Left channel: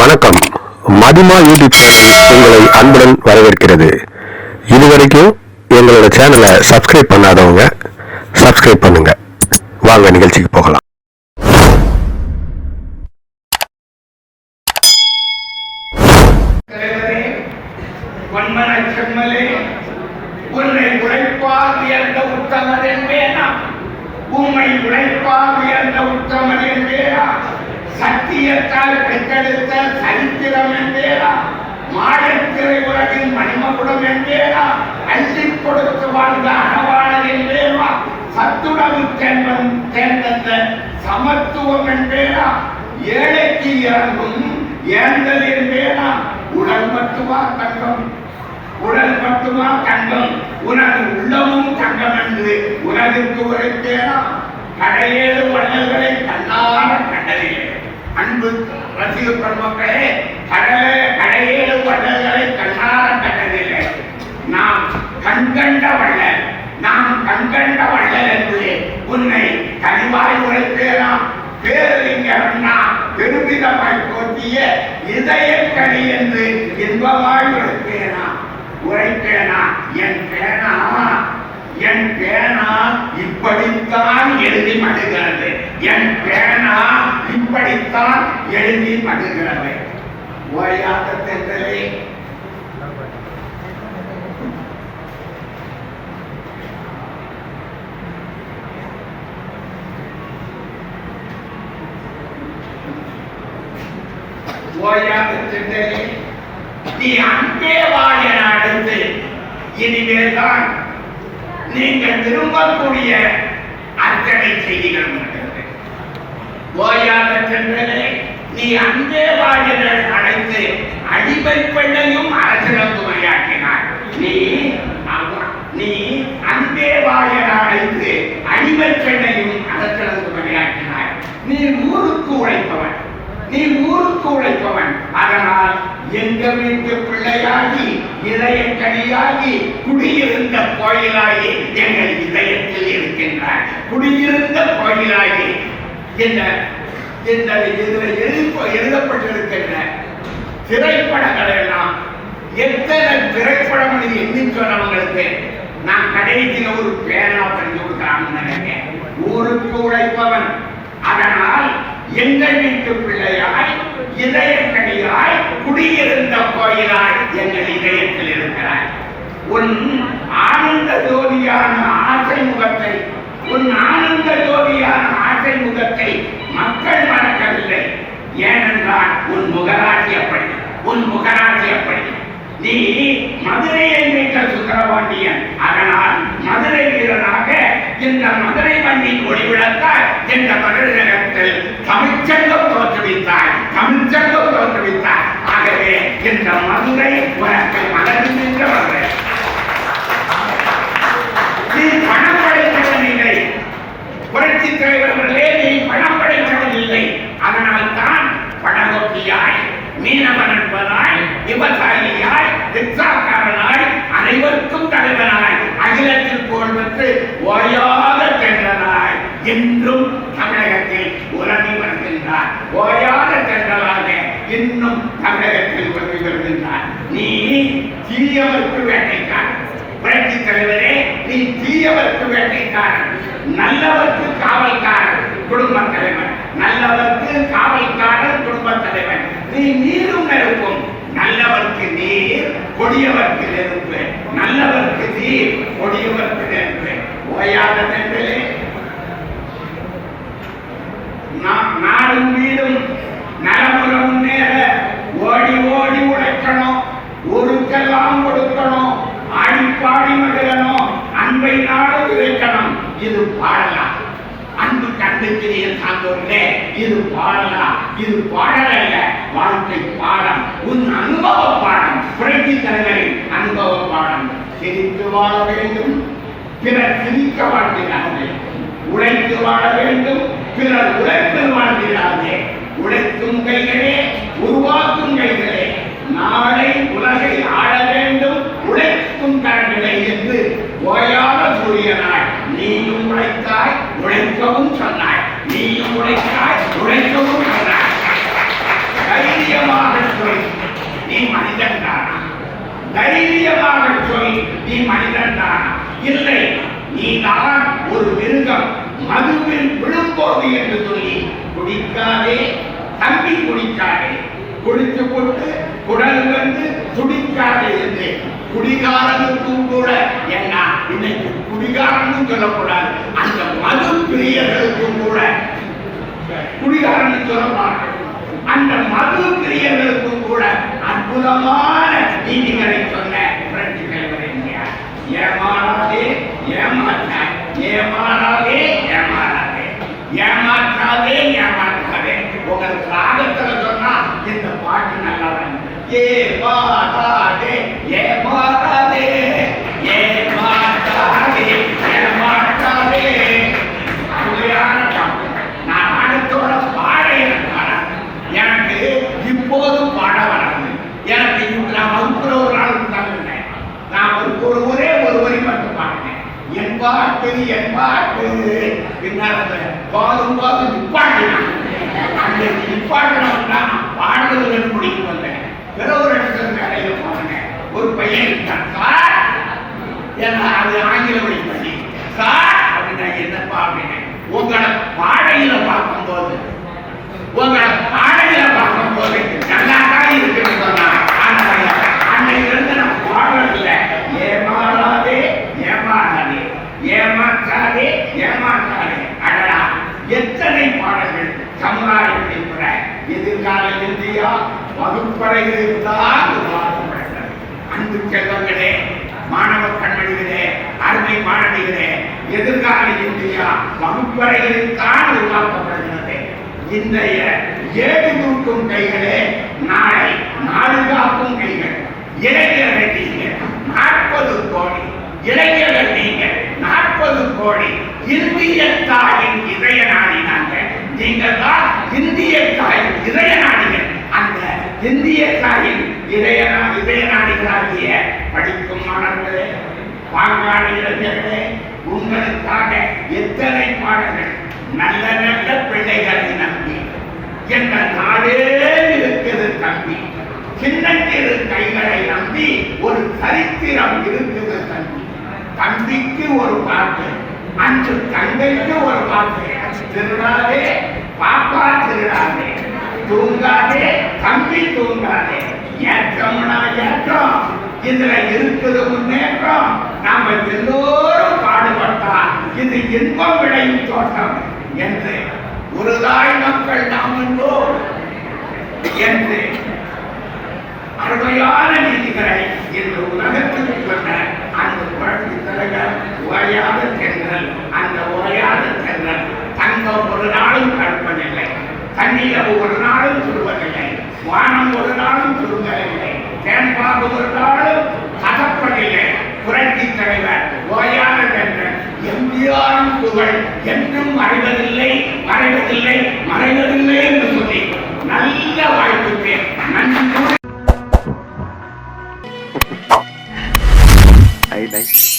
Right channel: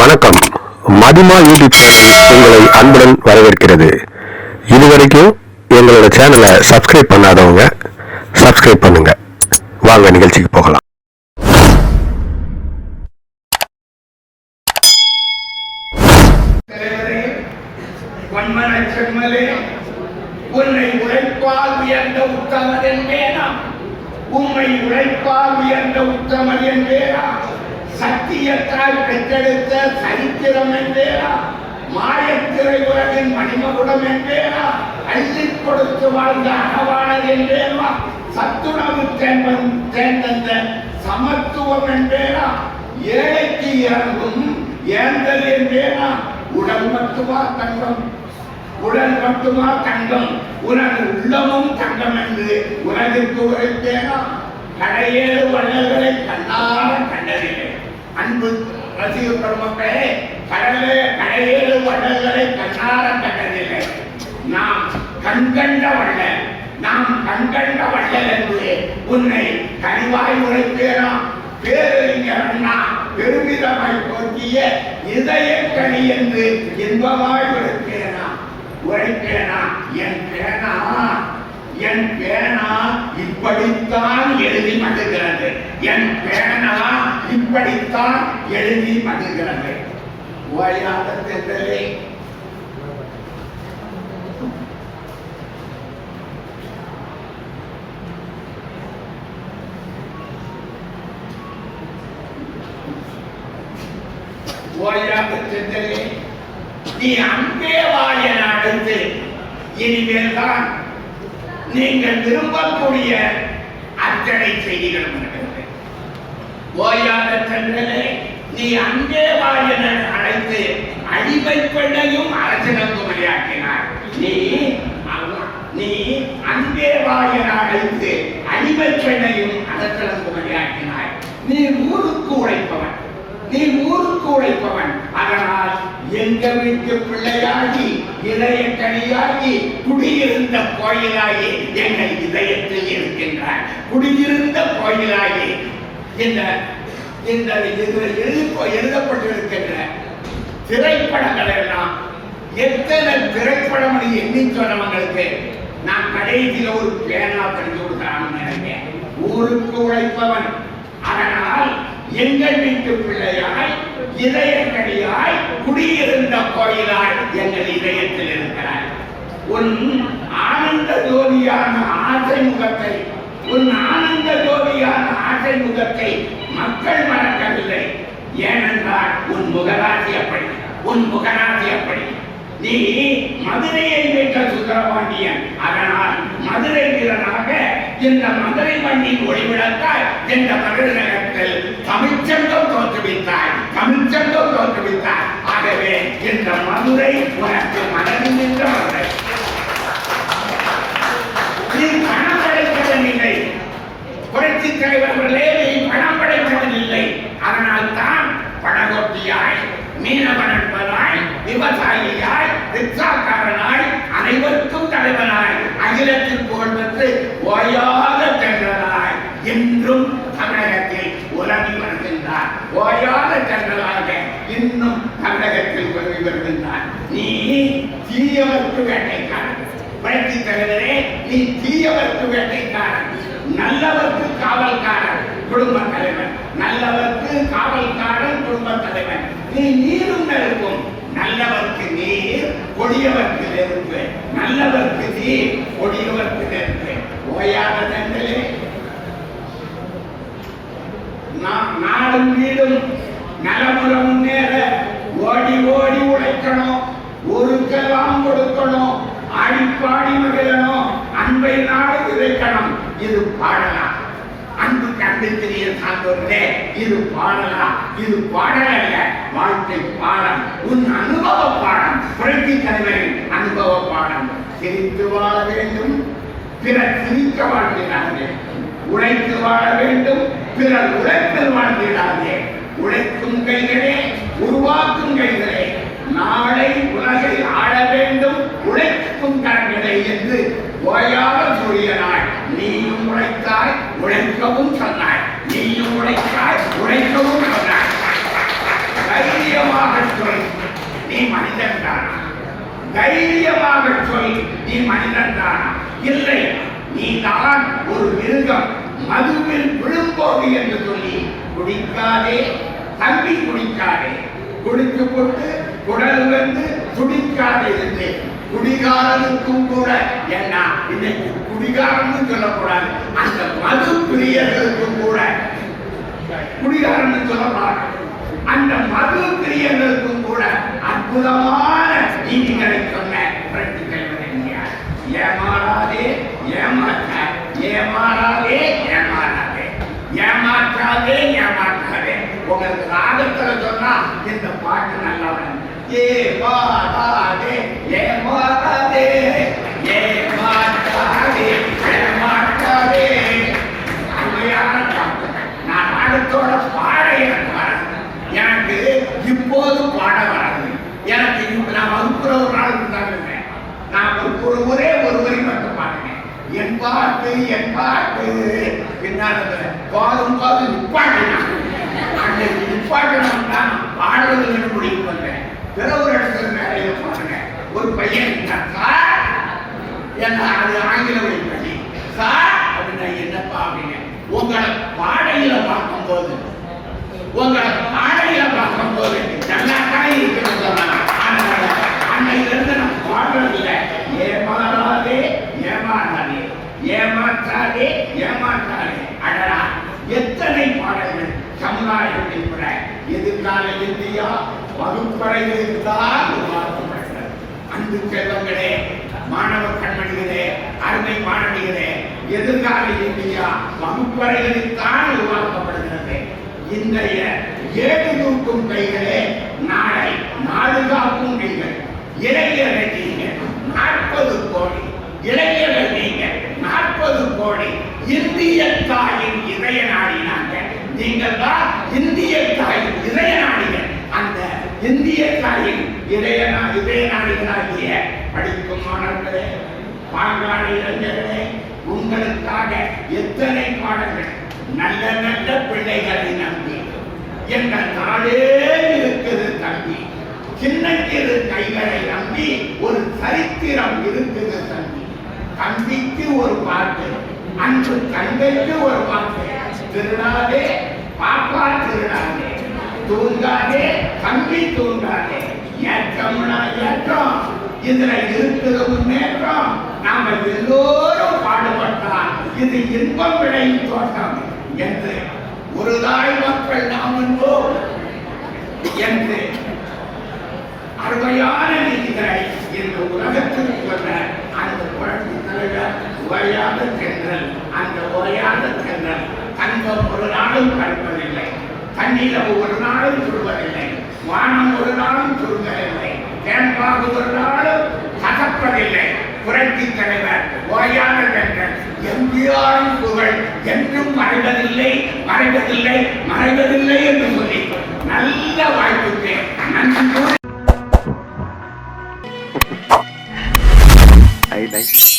வணக்கம். மதிமா YouTube channel உங்களை அன்புடன் வரவேற்கிறது. இதுவரைக்கும் எங்களோட சேனலை சப்ஸ்கிரைப் பண்ணாதவங்க சப்ஸ்கிரைப் பண்ணுங்க. வாங்க நிகழ்ச்சிக்கு போகலாம். உன்னை உழைப்பால் உயர்ந்த உத்தமர் என்பேனா? உண்மை உழைப்பால் உயர்ந்த உத்தமர் என்பேனா? சத்தியத்தால் பெற்றெடுத்த சரித்திரம் என்பேனா மாயத்திரை உலகின் மணிமகுடம் என்பேனா அள்ளி கொடுத்து வாழ்ந்த அறவாளர் என்பேனா சத்துணவு தேர்வன் தேர்ந்தந்த சமத்துவம் என்பேனா ஏழைக்கு இறங்கும் ஏந்தல் என்பேனா உடல் மட்டுமா தங்கம்? உடல் மட்டுமா தங்கம்? உனது உள்ளமும் தங்கம் என்று உலகிற்கு உரைத்தேனா. கடையேறு வள்ளல்களை கண்ணார கண்டதில்லை. அன்பு ரசிக பெருமக்களே கடலே கடையேழு வள்ளல்களை கண்ணார கண்டதில்லை நாம் கண்கண்ட வள்ளல் நாம் கண்கண்ட வள்ளல் என்று உன்னை கனிவாய் உரைத்தேனாம் பேரறிஞர்னா பெருமிதமாய் போற்றிய இதயக்கனி என்று இன்பமாய் உரைத்தேனா. உரைத்தேனா என் பேனா என் பேனா இப்படித்தான் எழுதி மடுகிறது என் பேனா இப்படித்தான் எழுதி மடுகிறது ஓயாத தென்றலே. ஓயாத தென்றலே. நீ அன்பே வாழ் என அடுத்து இனிமேல் தான் நீங்கள் விரும்பக்கூடிய அத்தனை செய்திகள் ஓயாத சென்றனே நீ அங்கே வாழ்கிற என அழைத்து அடிமை பெண்ணையும் அரசனுக்கு உரையாக்கினார் நீ நீ அன்பே வாழ்கிற என அழைத்து அடிமை பெண்ணையும் அரசனுக்கு உரையாக்கினார் நீ ஊருக்கு உழைப்பவன் நீ ஊருக்கு உழைப்பவன் அதனால் எங்க வீட்டு பிள்ளையாகி இதயக்கனியாகி குடியிருந்த கோயிலாகி எங்கள் இதயத்தில் இருக்கின்ற குடியிருந்த கோயிலாகி இந்த இந்த இதில் எழுதி எழுதப்பட்டிருக்கின்ற திரைப்படங்கள் எல்லாம் எத்தனை திரைப்படம் எண்ணி சொன்னவங்களுக்கு நான் கடைசியில் ஒரு பேனா தெரிஞ்சு கொடுக்கலாம்னு நினைக்கிறேன். ஊருக்கு உழைப்பவன். அதனால் எங்கள் வீட்டு பிள்ளையாய் இதயக்கடியாய் குடியிருந்த கோயிலாய் எங்கள் இதயத்தில் இருக்கிறாய். உன் ஆனந்த ஜோதியான ஆசை முகத்தை உன் ஆனந்த ஜோதியான ஆசை முகத்தை மக்கள் மறக்கவில்லை. ஏனென்றால் உன் முகராசி அப்படி உன் முகராசி அப்படி. நீ மதுரையை மீட்ட சுக்கரபாண்டியன். அதனால் மதுரை வீரனாக இந்த மதுரை மண்ணின் ஒளிவிளக்காய் இந்த மதுரை நகரத்தில் தமிழ்ச்சங்கம் நின்ற இந்த மதுரை உனக்கு மலர்ந்தின்ற மதுரை நீ பணம் படைத்தவன் புரட்சி தலைவர்களே நீ பணம் படைத்தவன் இல்லை. அதனால் தான் பணகோட்டியாய் மீனவன் என்பதாய் விவசாயியாய் ரிக்ஷாக்காரனாய் அனைவருக்கும் தலைவனாய் அகிலத்தில் புகழ் பெற்று ஓயா தென்றலாய் என்றும் தமிழகத்தில் உறங்கி வருகின்றார் ஓயாத தென்றலாக இன்னும் தமிழகத்தில் உறங்கி வருகின்றார் நீ தீயவர்க்கு வேட்டைக்காரன். புரட்சி தலைவரே நீ தீயவர்க்கு வேட்டைக்காரன். நல்லவர்க்கு காவல்காரன் குடும்ப தலைவன். நல்லவர்க்கு காவல்காரன் குடும்ப தலைவன். நீ நீரும் நெருக்கும் நல்லவர்க்கு நீர் கொடியவர்க்கு நெருப்பு. நல்லவர்க்கு நீர் கொடியவர்க்கு நெருப்பு. ஓயாத ஊருக்கெல்லாம் கொடுக்கணும். ஆடி பாடி மகிழணும். அன்பை நாடு விதைக்கணும் இது பாடலாம் அன்பு கண்டுக்கிறிய சார்ந்தோர்களே இது பாடலாம். இது பாடல் அல்ல வாழ்க்கை பாடம். உன் அனுபவ பாடம். புரட்சி தலைவரின் அனுபவ பாடம். சிரித்து வாழ வேண்டும். பிறர் சிரிக்க வாழ்கிறார்கள் உழைத்து வாழ வேண்டும். பிறர் உழைப்பில் வாழ்கிறார்களே உழைக்கும் கைகளே உருவாக்கும் கைகளே நாளை உலகை ஆள வேண்டும் உழைக்கும் கரங்களை என்று ஓயாத சூரியனாய் நீயும் உழைத்தாய் உழைக்கவும் சொன்னாய். நீயும் உழைத்தாய் உழைக்கவும் சொன்னாய். தைரியமாக சொல் நீ மனிதன் தானா? தைரியமாக சொல் நீ மனிதன் தானா? இல்லை நீ தான் ஒரு மிருகம் மதுவில் விழும்போது என்று சொல்லி குடிக்காதே தம்பி குடிக்காதே. குடித்து கொண்டு குடல் வந்து துடிக்காது இருந்து குடிகாரனுக்கும் கூட என்ன இன்னைக்கு குடிகாரன்னு சொல்லக்கூடாது. அந்த மது பிரியர்களுக்கும் கூட. குடிகாரன் சொல்லப்படாது அந்த மது பிரியர்களுக்கும் கூட அற்புதமான நீதிகளை சொன்ன புரட்சி தலைவர் என்கிறார் ஏமாறாதே ஏமாற்ற ஏமாறாதே ஏமாறாதே. ஏமாற்றாதே ஏமாற்றாதே. உங்களுக்கு ராகத்துல சொன்னா இந்த பாட்டு நல்லா ஏ வரும் ஏமாறாதே ஏமாறாதே ஏமாற்றாதே ஏமாற்றாதே அருமையான பாட்டு நான் அடுத்தோட பாட எனக்கு வராது எனக்கு இப்போதும் பாட வராது. எனக்கு நான் வகுப்புல ஒரு நாளுக்கு தங்குறேன் நான் ஒரு ஒரு ஒரே ஒரு வரி மட்டும் பாடுறேன் என் பாட்டு என் பாட்டு. பின்னால் அந்த பாடும் போது நிப்பாட்டினான். அந்த நிப்பாட்டினவன் தான் நான் பாடுறதுல பிற ஒரு இடத்துல மேலையில பாருங்க ஒரு பையன் இருக்கான் சார் என்ன அது ஆங்கில வழி பள்ளி சார் அப்படின்னா என்னப்பா அப்படின்னு உங்களை பாடையில பார்க்கும்போது உங்களை பாடையில பார்க்கும்போது நல்லா தான் இருக்குன்னு சொன்னா ஆனால் அன்னையிலிருந்து நான் பாடுறதில்லை ஏமாறாதே ஏமாறாதே ஏமாற்றாதே ஏமாற்றாதே அடடா எத்தனை பாடல்கள் சமுதாய விழிப்புற எதிர்கால இந்தியா வகுப்பறையில் இருந்தால் அன்பு செல்வங்களே மாணவ கண்மணிகளே அருமை மாணவிகளே எதிர்கால இந்தியா வகுப்பறையில் தான் உருவாக்கப்படுகிறது இன்றைய ஏழு நூற்றும் கை நாளை நாடு காக்கும் கைகள் இளைஞர்கள் நீங்கள் நாற்பது கோடி இளைஞர்கள் நீங்கள் நாற்பது கோடி இந்திய தாயின் இதய நாடினாங்க நீங்கள் தான் இந்திய தாயின் இதய நாடிகள் அந்த இந்திய தாயின் இதய இதய நாடிகளாகிய படிக்கும் மாணவர்களே பாங்காடு இளைஞர்களே உங்களுக்காக எத்தனை பாடங்கள் நல்ல நல்ல பிள்ளைகளை நம்பி எங்கள் நாடே இருக்குது தம்பி. சின்னத்திரு கைகளை நம்பி ஒரு சரித்திரம் இருக்குது தம்பி. தம்பிக்கு ஒரு பாட்டு அன்று தங்கைக்கு ஒரு பாட்டு திருநாளே பாப்பா திருடாதே தூங்காதே தம்பி தூங்காதே. ஏற்றம்னா ஏற்றம். இதுல இருக்கிற முன்னேற்றம் நாம எல்லோரும் பாடுபட்டா இது இன்பம் விளையும் தோட்டம் என்று ஒரு தாய் மக்கள் நாம் என்றோ என்று அருமையான நீதிகளை இந்த உலகத்தில் சொன்ன அந்த புரட்சி தலைவர் ஓயாத சென்றல் அந்த ஓயாத சென்றல் தங்கம் ஒரு நாளும் கண்டு தண்ணீர் ஒரு நாளும் சொல்வதில்லை வானம் ஒரு நாளும் சொல்வதில்லை தேன்பாகு ஒரு நாளும் கசப்பதில்லை. புரட்சி தலைவர் ஓயாளர் என்ற எம்ஜிஆரின் புகழ் என்றும் மறைவதில்லை மறைவதில்லை மறைவதில்லை என்று சொல்லி நல்ல வாய்ப்புக்கு நன்றி. I like